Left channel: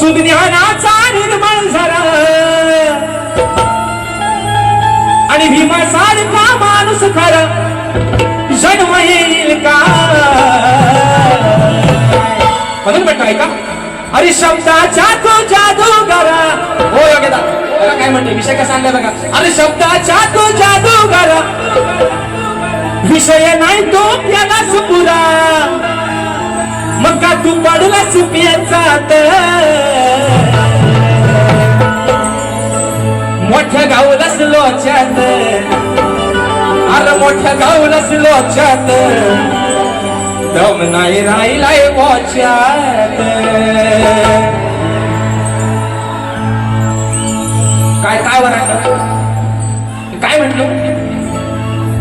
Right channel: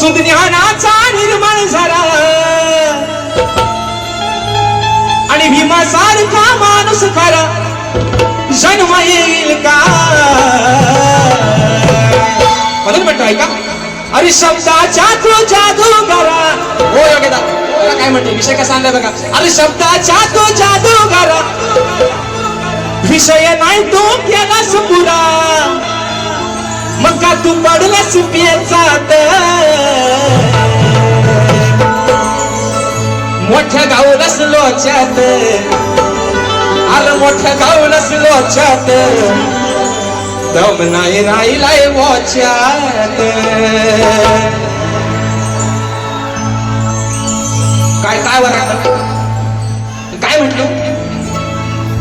सुध ज्ञानाचा निर्मळ झरा आणि भीमासारखा माणूस खरा जन्म येईल का म्हणून म्हणतोय का अरे शब्दाचा तो जादूगार हो बघा काय म्हणतो विषय कसा आणलाय बघा अरे शब्दाचा तो जादूगार विषय नाही तो त्यालाच पुरा मग का तू पडला सुप्याचात मोठ्या गावलाच लोच्यात अरे मोठ्या गावलाच लोच्यात दम नाही राहिलाय मोच्यात काय काय वरात काय म्हटलं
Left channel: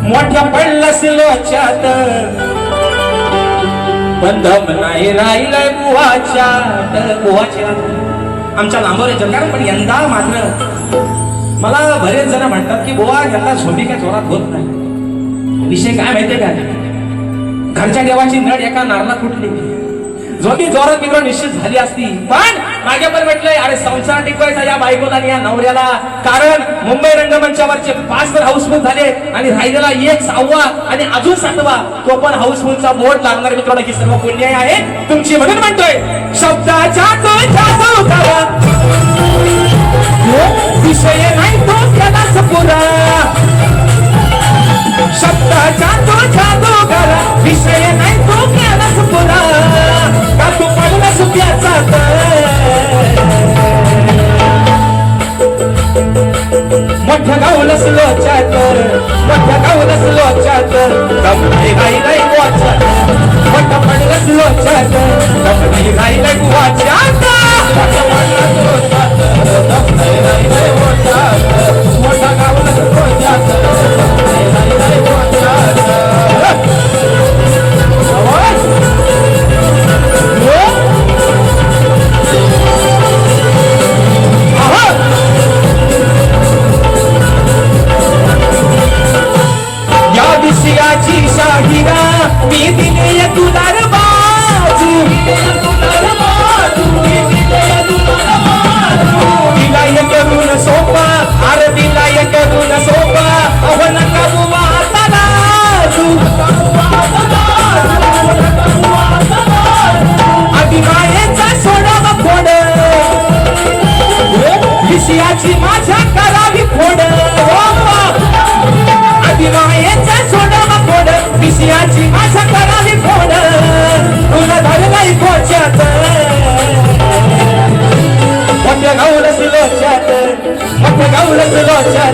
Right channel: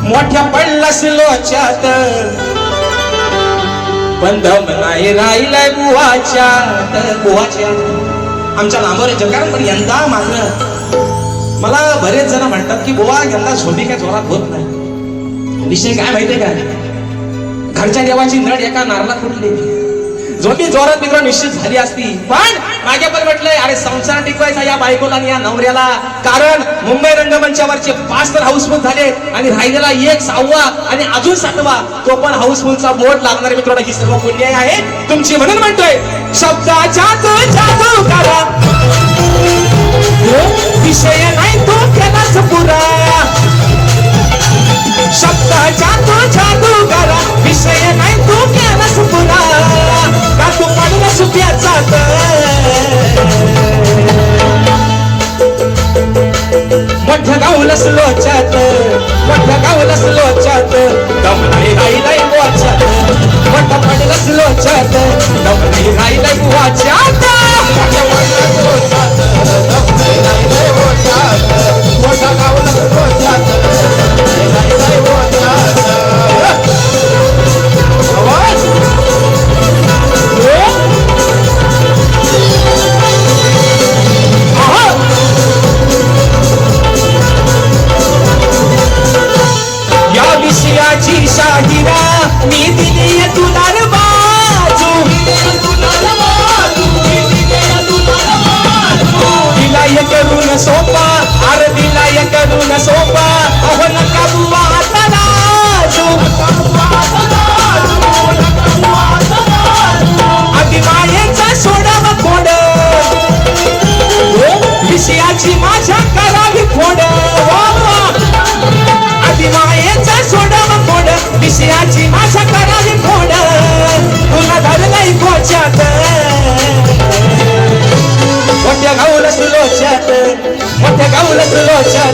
मोठ्या पडलास लोच्यात पण दम नाही राहिलाय बुवाच्यात आमच्या लांबवर जगार पण यंदा मात्र मला बरेच जण म्हणतात की बुवा यंदा झोपी काय जोरात होत नाही विषय काय माहितीये का घरच्या देवाची नड एका नारला फुटली झोपी जोरात मित्र निश्चित झाली असती पण मागे पण म्हटलंय अरे संसार टिकवायचा या बायकोला आणि या नवऱ्याला कारण मुंबई रंगमंचावरचे 5 तर हाऊसफुल झाले आणि राहिलेला 1 6वा आणि अजून 7वा तो पण हाऊसफुलचा मोड लागणारे मित्रांनो ही सर्व पुण्य आहे तुमची म्हणून म्हणतोय शब्दाचा तो जादू करा विषय नाही तो केलाच पुरा शब्दाचा तो जादू करा विषय नाही तो केलाच पुरा का तू पडला सुप्याचा मोठ्या गावलाच लोच्यात मोठ्या गावलाच लोच्यात दम नाही राहिलाय वाच्यात मोठा पडलाच लोच्यात दम नाही राहिलाय वाच्यात मोठा गावलाच लोच्यात मी दिली तुला बाजू विलाय करून सोपा अरे विलाय करून सोपा अहो नका बुवा आता लाजू अभिमानेचा सोडावा खोड विषयाची माझ्या करावी खोड अभिमानेचा सोडावा खोड विषयाची माझ्या करावी खोड तुला धरलाय खोच्यात मोठ्या गावलाच लोच्यात मोठ्या गावलाच लोच्यात